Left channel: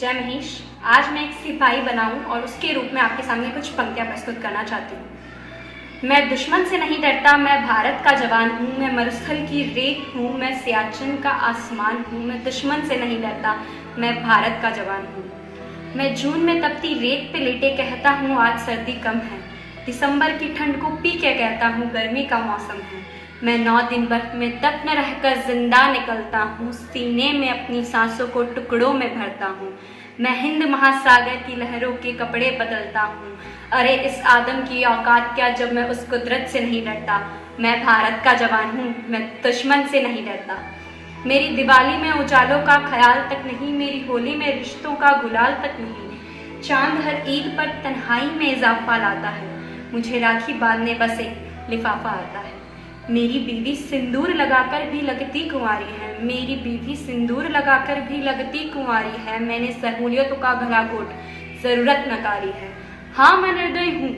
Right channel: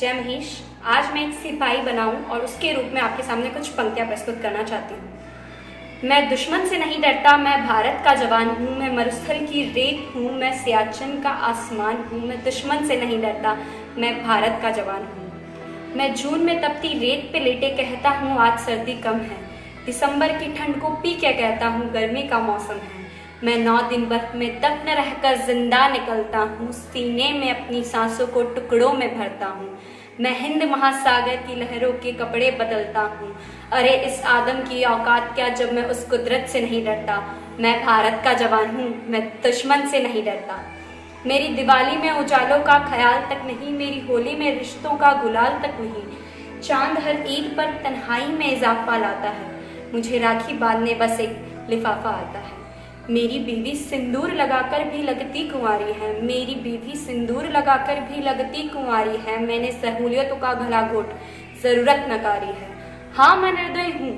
जय महेश। आज मैं एक सिपाही बनाऊं और उसके रूप में आपके सामने कुछ पंक्तियां प्रस्तुत करना चाहती हूँ। मैं दुश्मन से नहीं डरता, मैं भारत का जवान हूँ, मैं मरुस्थल की रेत हूँ, मैं सियाचिन का आसमान हूँ। मैं दुश्मन से नहीं डरता, मैं भारत का जवान हूँ। मैं जून में तपती रेत पे लेटे कहता हूँ आज सर्दी कम है। दिसंबर की ठंड को पी के कहता हूँ गर्मी का मौसम है। मैं 9 दिन बर्फ में दफन रहकर जिंदा निकलता हूँ, सीने में अपनी सांसों को टुकड़ों में भरता हूँ। मैं हिंद महासागर की लहरों के कपड़े बदलता हूँ। अरे इस आदम की औकात क्या जब मैं उस कुदरत से नहीं डरता। मैं भारत का जवान हूँ, मैं दुश्मन से नहीं डरता। मेरी दिवाली में उजालों का ख्याल तक नहीं, मेरी होली में रिश्तों का गुलाल तक नहीं। चांद हर ईद पर तन्हाई में इजाफा लाता है, मुझे राखी बांधने बस एक लिफाफा आता है। मेरी बीवी सिंदूर लगाकर भी लगती कुंवारी है, मेरी बीवी सिंदूर लगाकर भी लगती कुंवारी है। मैंने सहूलियतों का गला घोट जरूरत नकारी है। हाँ मैं निर्दयी हूँ,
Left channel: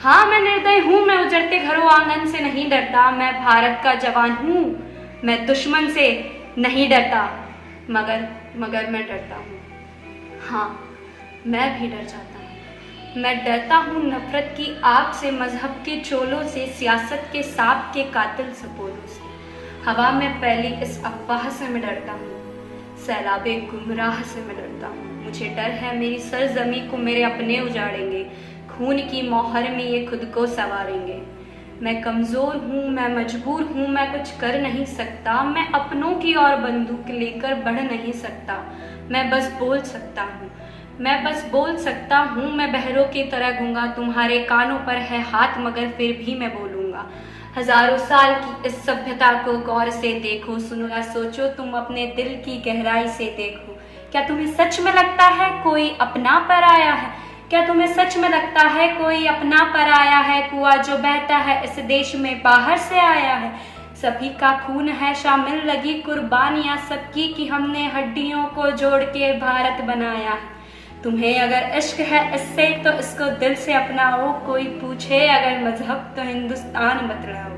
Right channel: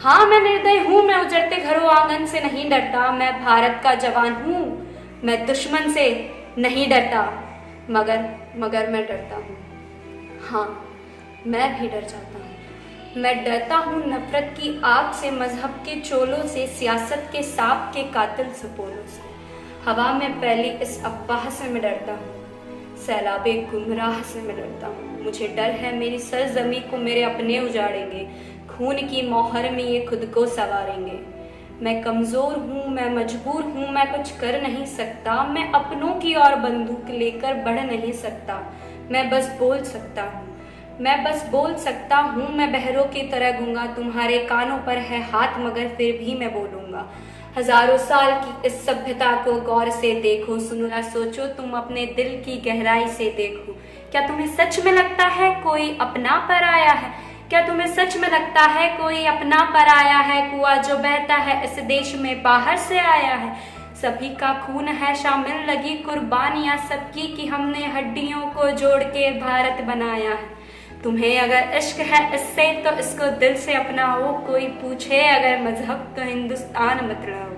हाँ मैं निर्दयी हूँ, मैं उजड़ते घरों आंगन से नहीं डरता। मैं भारत का जवान हूँ, मैं दुश्मन से नहीं डरता, मगर मैं डरता हूँ। हाँ मैं भी डर जाता हूँ। मैं डरता हूँ नफरत की आग से, मजहब के चोलों से, सियासत के सांप के कातिल सपोलों से। हवा में फैली इस अफवाह से मैं डरता हूँ, सैलाबे गुमराह से मैं डरता हूँ। मुझे डर है मेरी सरजमी को मेरे अपने उजाड़ेंगे, खून की मोहर में ये खुद को सवारेंगे। मैं कमजोर हूँ, मैं मजबूर हूँ, मैं कुछ कर नहीं सकता। मैं अपनों की ओर बंदूक लेकर बढ़ नहीं सकता। मैं बस बोल सकता हूँ, मैं बस बोल सकता हूँ। मैं बहरों की तरह गूंगा, तुम्हारे कानों पर है हाथ मगर फिर भी मैं बोलूँगा। हजारों साल की इस सभ्यता को गौर से देखो, सुनो या सोचो, तुम अपने दिल की गहराई से देखो। क्या तुम्हें सच में लगता है कोई अपना पर आया है? क्या तुम्हें सच में लगता है कोई अपना पर आया है? कुआं जो बहता है इस देश में बाहर से आया है। सभी का खून है शामिल, लगी कुर्बानियां सबकी कि हमने हड्डियों को जोड़ के भारत बनाया है। तुम्हें अगर इश्क है इससे तो इसको दिल से अपनाओ, कोई पूछे अगर मजहब तो हिंदुस्तान बतलाओ।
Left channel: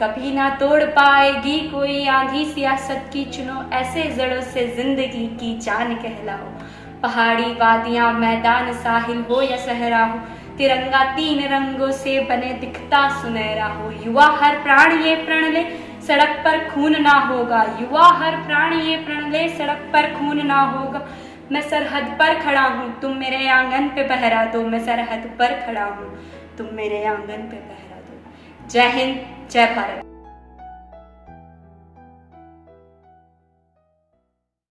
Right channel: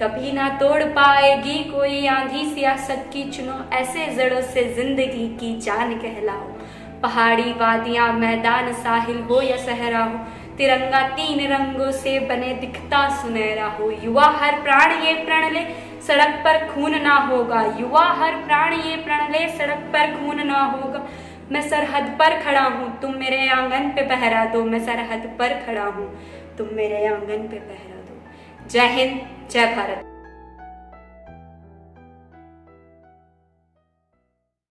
कभी ना तोड़ पाएगी कोई आंधी सियासत की, चुनो ऐसे जड़ों से जिंदगी की जान कहलाओ। पहाड़ी वादियां मैदान साहिल हो या सहरा हो, तिरंगा 3 रंगों से बने दिखता सुनहरा हो। युवा हर प्राण ये प्रण ले सड़क पर खून ना होगा, युवा हर प्राण ये प्रण ले सड़क पर खून ना होगा। मैं सरहद पर खड़ा हूँ, तुम मेरे आंगन पे पहरा दो। मैं सरहद पर खड़ा हूँ, तुम मेरे आंगन पे पहरा दो। जय हिंद, जय भारत।